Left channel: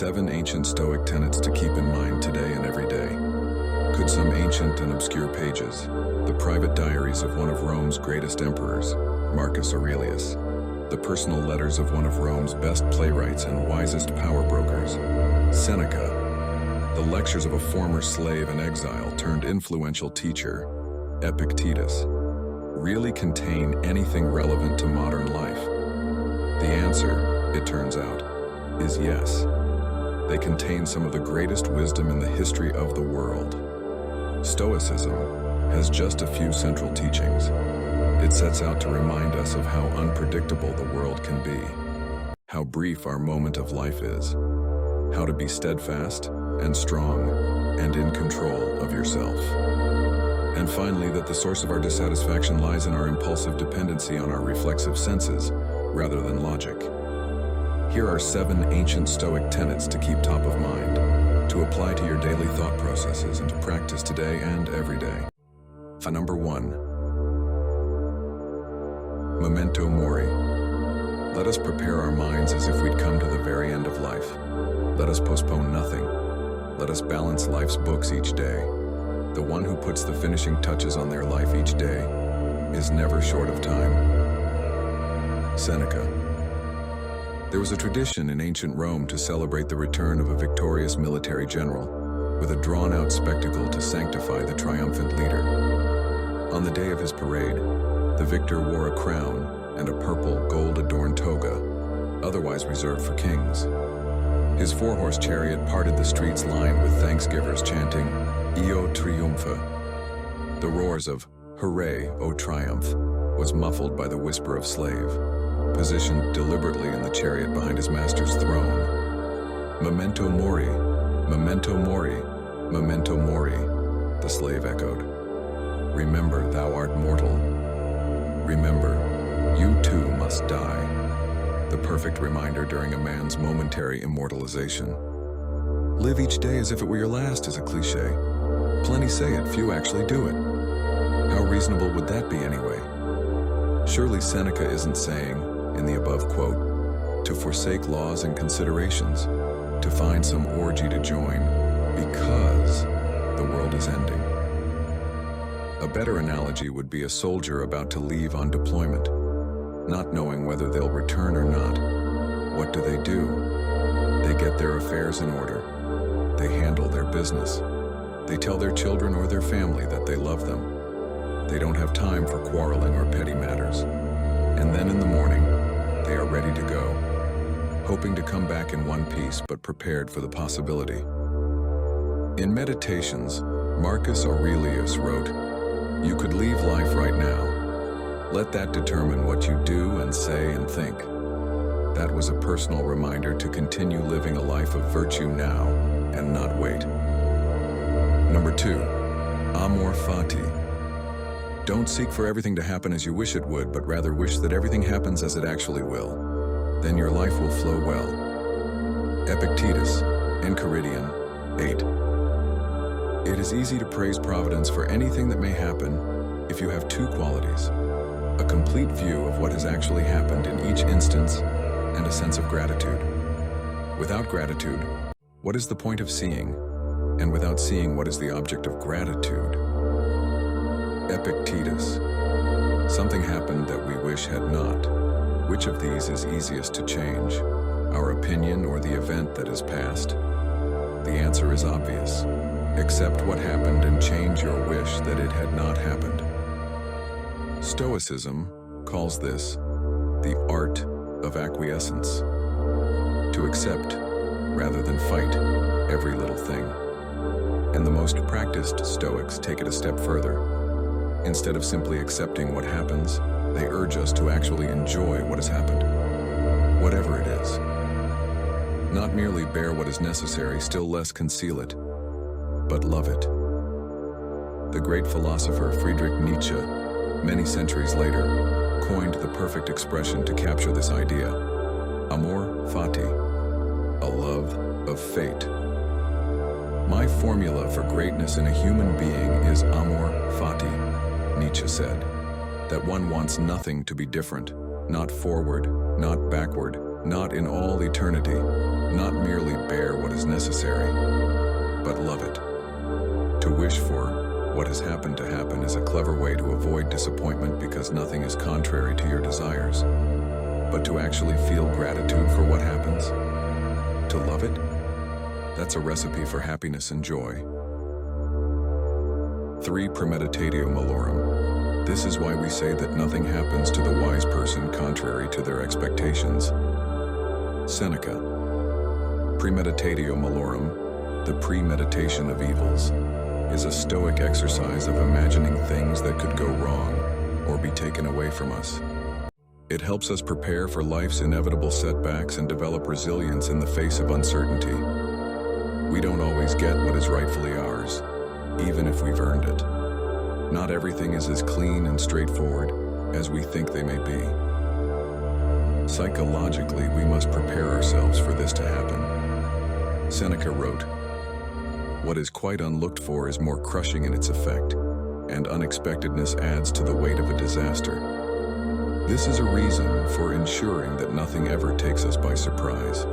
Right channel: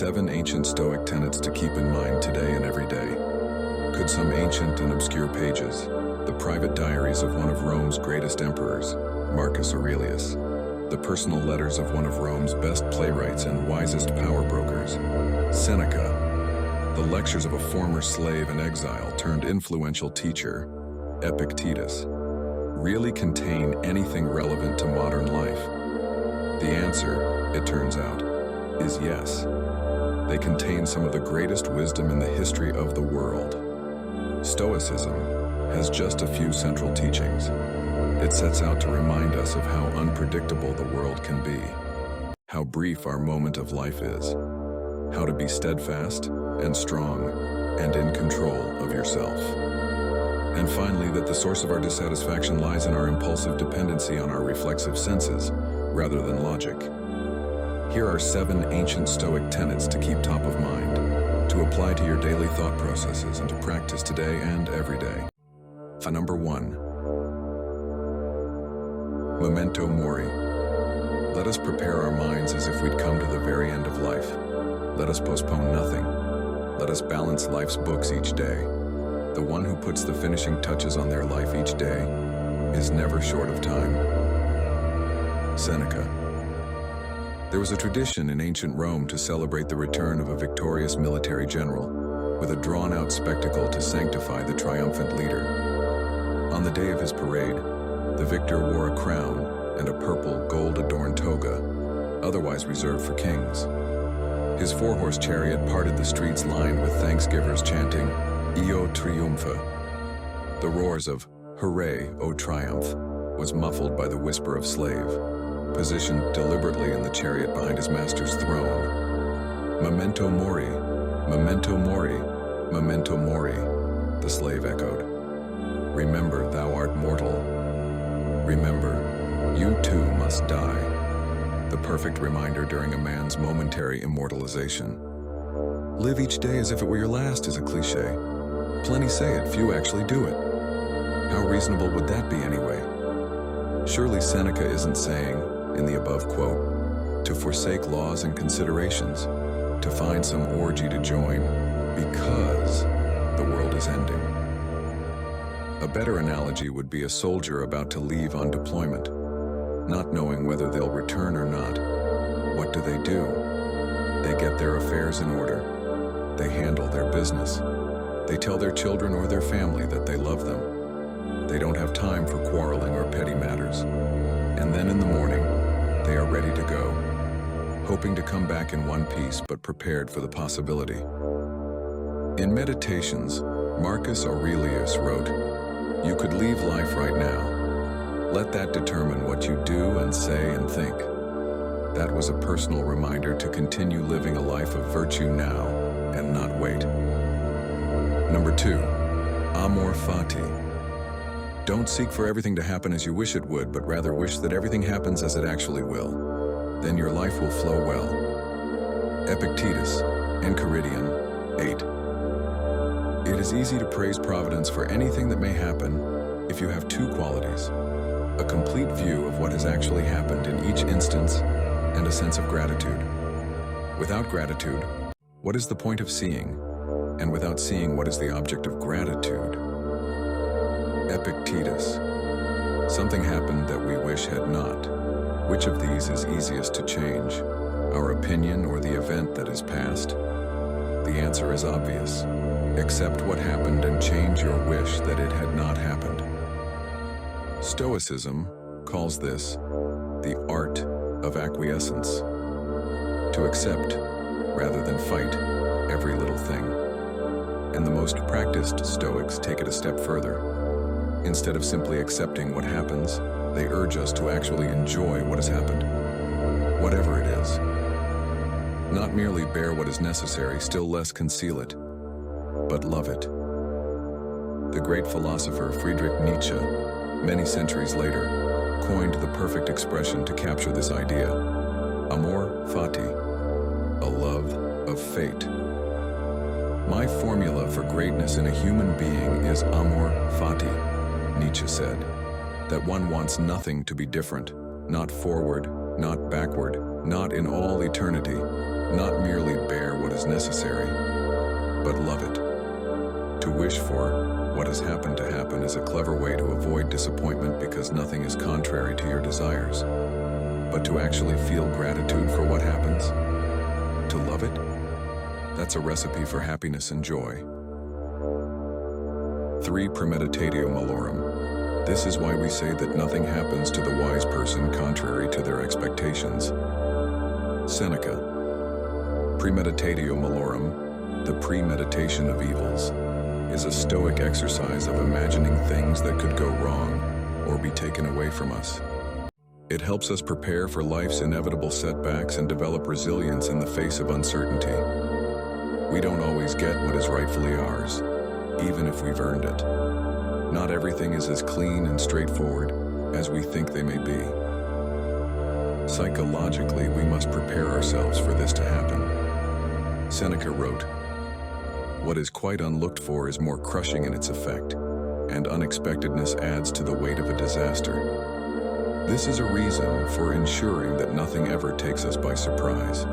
7 ancient Stoic tenets to keep in mind today and every day. Could some ancient and obscure pages, the private diaries of one of Rome's greatest emperors, Marcus Aurelius, the personal letters of one of Rome's best playwrights and wisest power brokers, Seneca, the lectures of a former slave and exile turned influential teacher, Epictetus, really contain anything relevant to modern life? The answer, it turns out, is yes. They contain some of the greatest wisdom in the history of the world. Stoicism has just a few central teachings. It sets out to remind us of how unpredictable the world can be, how brief our moment of life is, how to be steadfast and strong and in control of yourself. And finally, that the source of our dissatisfaction lies in our impulsive dependency on our reflexive senses rather than logic. Here are 7 ancient Stoic tenets to keep top of mind, to apply to your daily thought processes and to practice today and every day. Number 1. Memento mori. Let us prepare our minds as if we'd come to the very end of life. Let us postpone nothing. Let us balance life's books each day. The one who puts the finishing touches on their life each day is never short of time. Seneca. There was a tradition in ancient Rome to celebrate the return of a victorious military general with a drawn-out spectacle to sanctify the triumphant leader. On the day of his parade, the victor wore a crown and a purple, gold-adorned toga, otherwise reserved for kings. His 4-horse chariot parted the streets lined with thanksgivers chanting, Io triumpha. The roars of, Hooray, O triumph, was muffled by the whisper of slave, positioned deliberately in the chariot behind his master's throne. Memento mori, memento mori, memento mori, the slave echoed. Remember, thou art mortal. Remember, you too must die. The perfect reminder during a man's momentary immortalization. Live each day as if it were your last is a cliche. Plenty say it, few actually do it. How reasonable would that be anyway? Surely Seneca isn't saying, in the above quote, to forsake laws and considerations, to find some orgy to join, because the world is ending. A better analogy would be a soldier about to leave on deployment, not knowing whether they'll return or not. What do? They get their affairs in order. They handle their business. They tell their children or their family that they love them. They don't have time for quarreling or petty matters. And then in the morning, they are ready to go, hoping to come back in one piece but prepared for the possibility. In Meditations, Marcus Aurelius wrote, "You could leave life right now. Let that determine what you do and say and think." That was a personal reminder to continue living a life of virtue now and not wait. Number 2, amor fati. Don't seek for everything to happen as you wish it would, but rather wish that everything happens as it actually will. Then your life will flow well. Epictetus, Enchiridion 8. It is easy to praise Providence for anything that may happen if you have 2 qualities: a complete view of what has actually happened in each instance and a sense of gratitude. Without gratitude, what is the point of seeing? And without seeing, what is the object of gratitude? Epictetus. Something happened that we wish had not. Which of these is easiest to change? Our opinion or the event that is past? The answer is obvious. Accept what happened and change your wish that it had not happened. Stoicism calls this the art of acquiescence. To accept, rather than fight, every little thing. And the most practiced Stoics take it a step further. Instead of simply accepting what happens, they urge us to actually enjoy what has happened, whatever it is. Not merely bear what is necessary, still less conceal it, but love it. The great philosopher Friedrich Nietzsche, many centuries later, coined the perfect expression to capture this idea: amor fati, a love of fate. My formula for greatness in a human being is amor fati, Nietzsche said, that one wants nothing to be different, not forward, not backward, not in all eternity, Not merely bear what is necessary, but love it. To wish for what has happened to happen is a clever way to avoid disappointment because nothing is contrary to your desires. But to actually feel gratitude for what happens, to love it, that's a recipe for happiness and joy. 3. Premeditatio malorum. This is why we say that nothing happens to the wise person contrary to their expectations. Seneca. Premeditatio malorum, the premeditation of evils, is a Stoic exercise of imagining things that could go wrong or be taken away from us. It helps us prepare for life's inevitable setbacks and develop resilience in the face of uncertainty. We don't always get what is rightfully ours, even if we've earned it. Not everything is as clean and straightforward as we think they may be. Psychologically, we must prepare ourselves for this to happen. Seneca wrote, "What is quite unlooked for is more crushing in its effect, and unexpectedness adds to the weight of a disaster." This is a reason for ensuring that nothing ever takes us by surprise.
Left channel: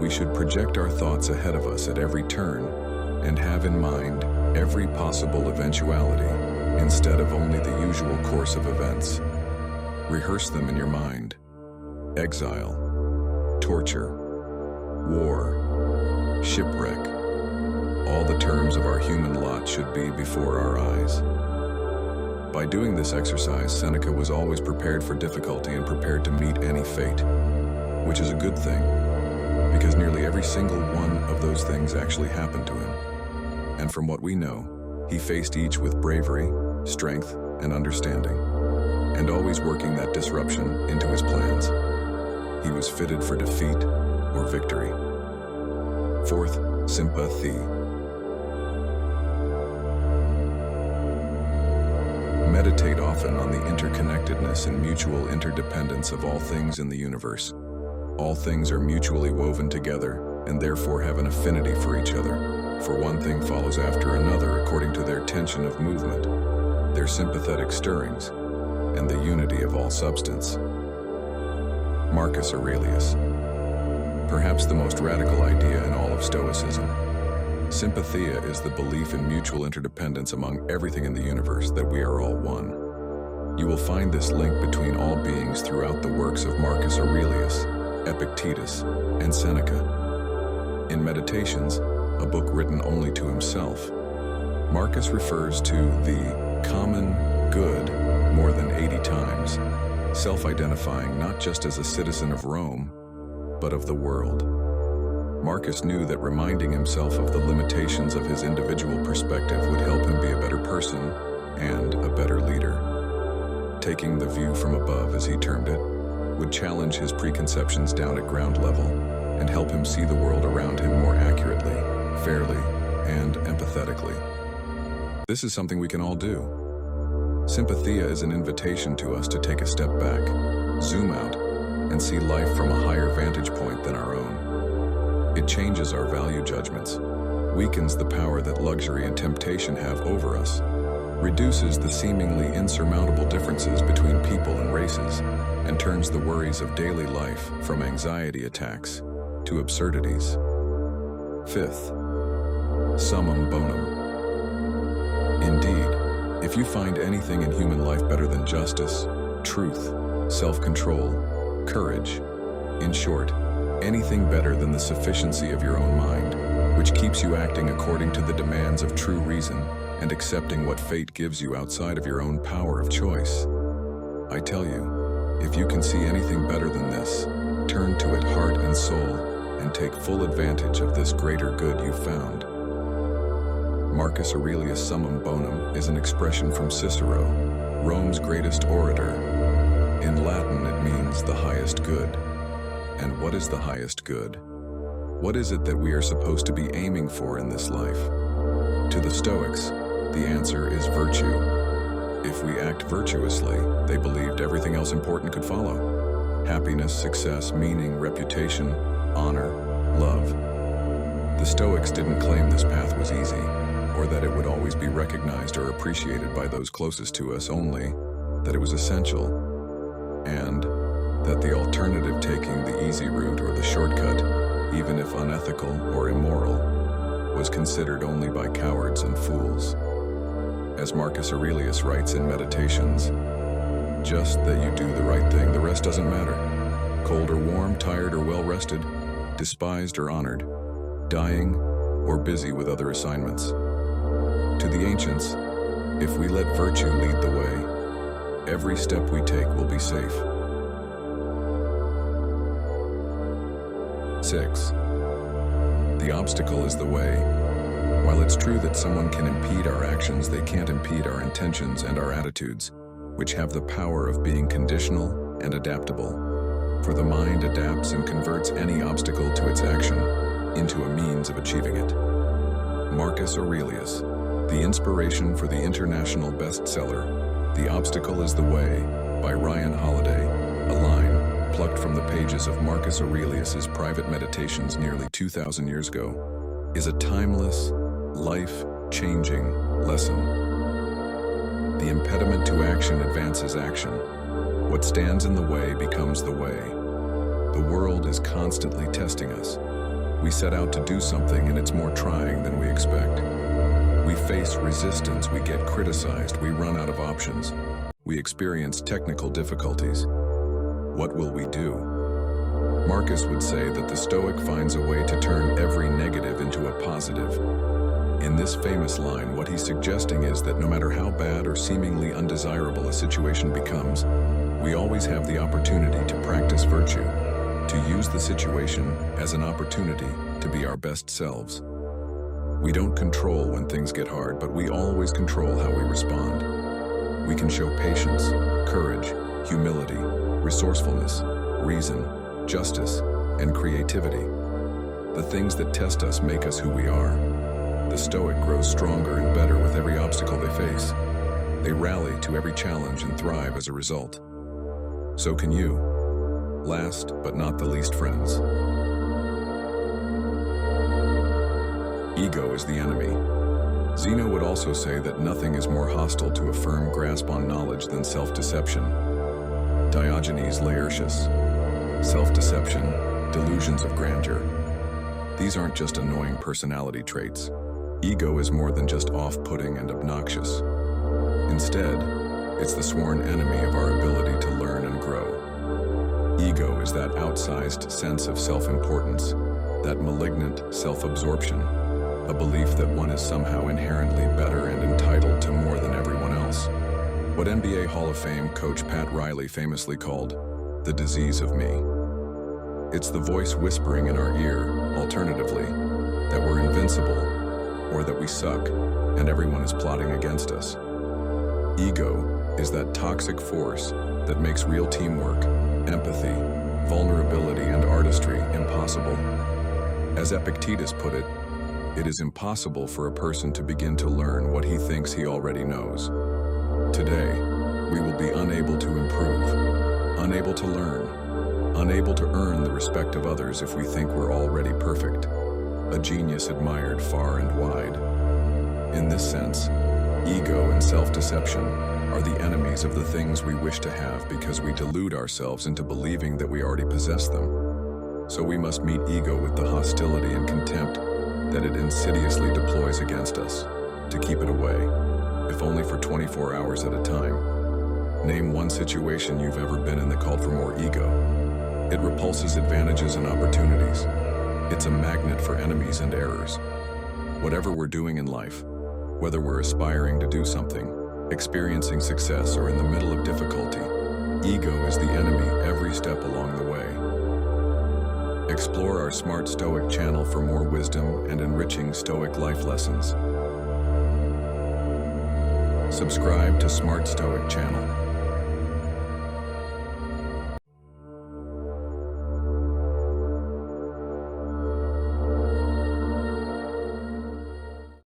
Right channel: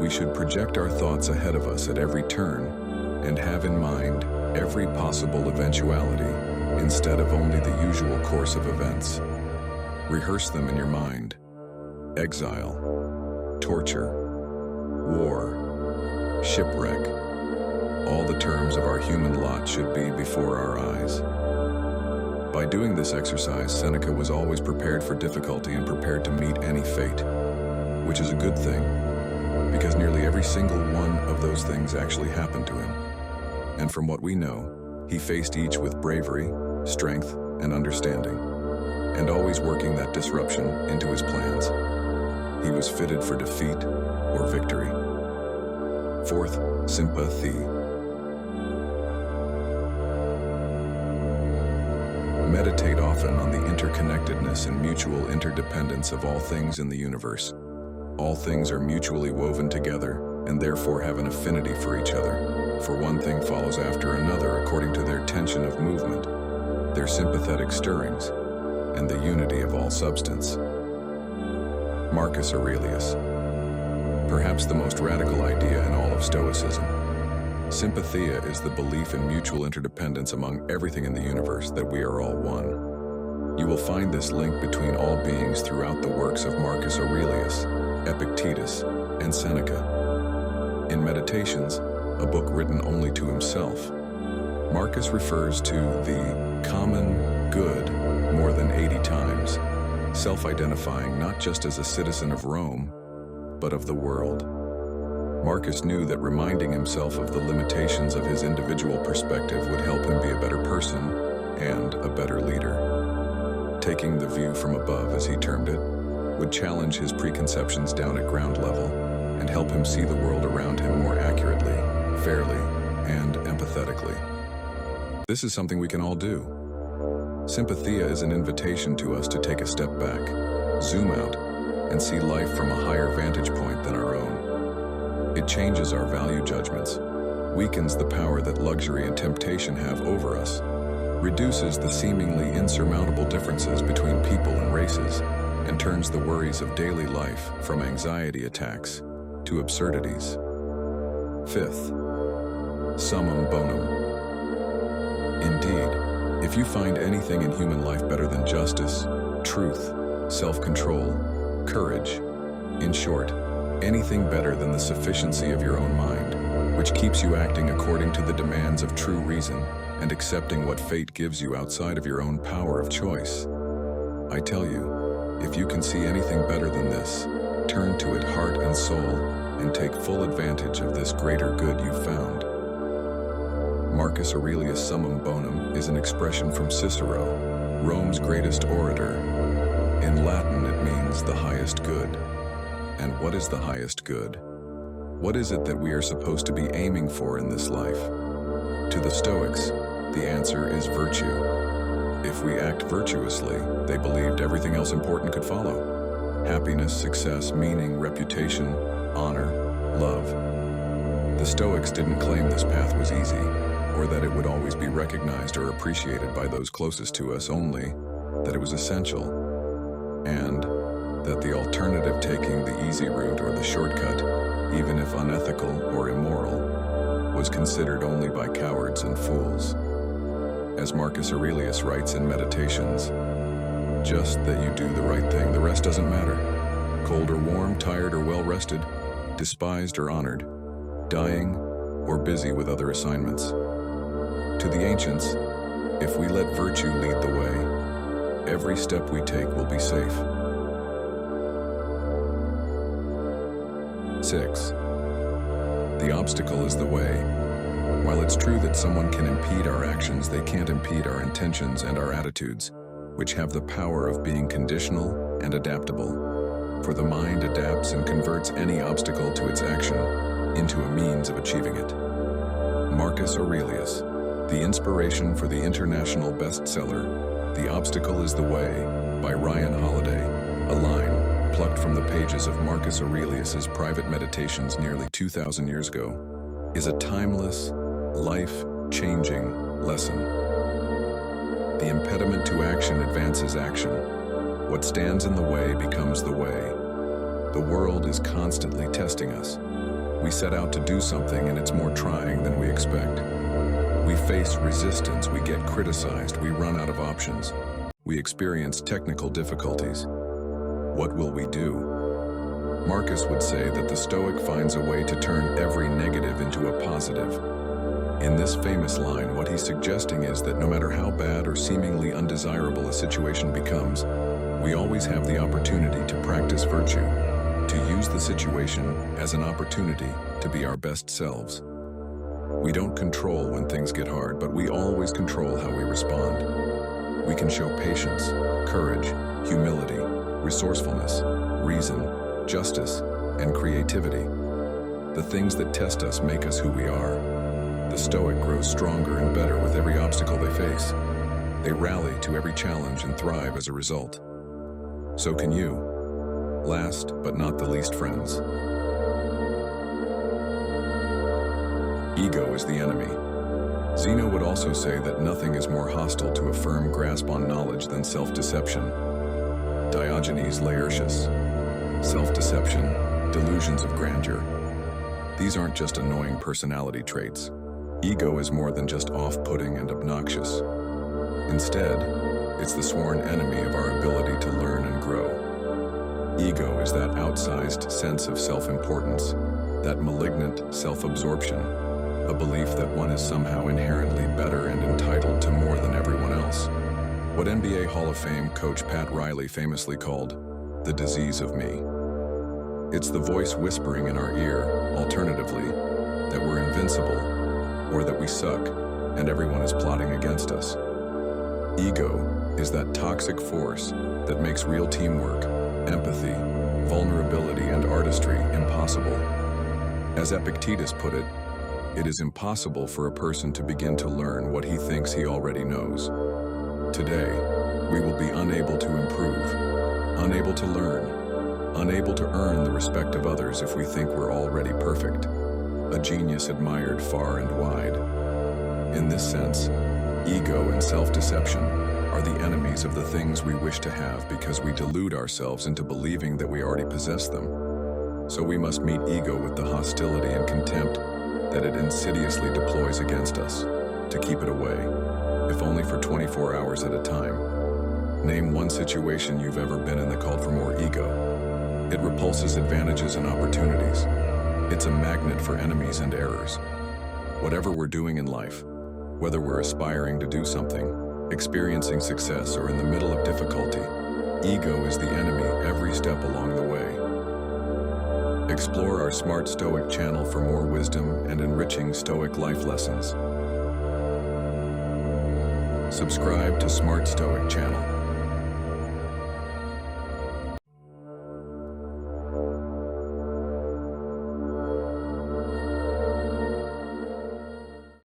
We should project our thoughts ahead of us at every turn and have in mind every possible eventuality instead of only the usual course of events. Rehearse them in your mind. Exile, torture, war, shipwreck. All the terms of our human lot should be before our eyes. By doing this exercise, Seneca was always prepared for difficulty and prepared to meet any fate, which is a good thing, because nearly every single one of those things actually happened to him. And from what we know, he faced each with bravery, strength, and understanding, and always working that disruption into his plans. He was fitted for defeat or victory. 4th, sympathy. Meditate often on the interconnectedness and mutual interdependence of all things in the universe. All things are mutually woven together and therefore have an affinity for each other, for one thing follows after another according to their tension of movement, their sympathetic stirrings, and the unity of all substance. Marcus Aurelius. Perhaps the most radical idea in all of Stoicism. Sympathia is the belief in mutual interdependence among everything in the universe, that we are all one. You will find this link between all beings throughout the works of Marcus Aurelius, Epictetus, and Seneca. In Meditations, a book written only to himself, Marcus refers to the common good more than 80 times, self-identifying not just as a citizen of Rome, but of the world. Marcus knew that reminding himself of the limitations of his individual perspective would help him be a better person and a better leader. Taking the view from above, as he termed it, would challenge his preconceptions down at ground level and help him see the world around him more accurately, fairly, and empathetically. This is something we can all do. Sympathia is an invitation to us to take a step back, zoom out, and see life from a higher vantage point than our own. It changes our value judgments, weakens the power that luxury and temptation have over us, reduces the seemingly insurmountable differences between people and races, and turns the worries of daily life from anxiety attacks to absurdities. 5th, summum bonum. Indeed, if you find anything in human life better than justice, truth, self-control, courage, in short, anything better than the sufficiency of your own mind, which keeps you acting according to the demands of true reason and accepting what fate gives you outside of your own power of choice. I tell you, if you can see anything better than this, turn to it heart and soul and take full advantage of this greater good you've found. Marcus Aurelius' summum bonum is an expression from Cicero, Rome's greatest orator. In Latin, it means the highest good. And what is the highest good? What is it that we are supposed to be aiming for in this life? To the Stoics, the answer is virtue. If we act virtuously, they believed everything else important could follow. Happiness, success, meaning, reputation, honor, love. The Stoics didn't claim this path was easy, or that it would always be recognized or appreciated by those closest to us, only that it was essential, and that the alternative, taking the easy route or the shortcut, even if unethical or immoral, was considered only by cowards and fools. As Marcus Aurelius writes in Meditations, just that you do the right thing, the rest doesn't matter. Cold or warm, tired or well-rested, despised or honored, dying or busy with other assignments. To the ancients, if we let virtue lead the way, every step we take will be safe. 6. The obstacle is the way. While it's true that someone can impede our actions, they can't impede our intentions and our attitudes, which have the power of being conditional and adaptable. For the mind adapts and converts any obstacle to its action into a means of achieving it. Marcus Aurelius, the inspiration for the international bestseller, The Obstacle is the Way, by Ryan Holiday, a line plucked from the pages of Marcus Aurelius's private meditations nearly 2,000 years ago, is a timeless, life-changing lesson. The impediment to action advances action. What stands in the way becomes the way. The world is constantly testing us. We set out to do something and it's more trying than we expect. We face resistance, we get criticized, we run out of options. We experience technical difficulties. What will we do? Marcus would say that the Stoic finds a way to turn every negative into a positive. In this famous line, what he's suggesting is that no matter how bad or seemingly undesirable a situation becomes, we always have the opportunity to practice virtue, to use the situation as an opportunity to be our best selves. We don't control when things get hard, but we always control how we respond. We can show patience, courage, humility, resourcefulness, reason, justice, and creativity. The things that test us make us who we are. The Stoic grows stronger and better with every obstacle they face. They rally to every challenge and thrive as a result. So can you. Last but not the least, friends. Ego is the enemy. Zeno would also say that nothing is more hostile to a firm grasp on knowledge than self-deception. Diogenes Laertius. Self-deception, delusions of grandeur. These aren't just annoying personality traits. Ego is more than just off-putting and obnoxious. Instead, it's the sworn enemy of our ability to learn and grow. Ego is that outsized sense of self-importance, that malignant self-absorption, a belief that one is somehow inherently better and entitled to more than everyone else. What NBA Hall of Fame coach Pat Riley famously called the disease of me. It's the voice whispering in our ear, alternatively, that we're invincible, or that we suck, and everyone is plotting against us. Ego is that toxic force that makes real teamwork, empathy, vulnerability, and artistry impossible. As Epictetus put it, it is impossible for a person to begin to learn what he thinks he already knows. Today, we will be unable to improve, unable to learn, unable to earn the respect of others if we think we're already perfect, a genius admired far and wide. In this sense, ego and self-deception are the enemies of the things we wish to have because we delude ourselves into believing that we already possess them. So we must meet ego with the hostility and contempt that it insidiously deploys against us, to keep it away, if only for 24 hours at a time. Name one situation you've ever been in that called for more ego. It repulses advantages and opportunities. It's a magnet for enemies and errors. Whatever we're doing in life, whether we're aspiring to do something, experiencing success, or in the middle of difficulty, ego is the enemy every step along the way. Explore our Smart Stoic channel for more wisdom and enriching Stoic life lessons. Subscribe to Smart Stoic channel.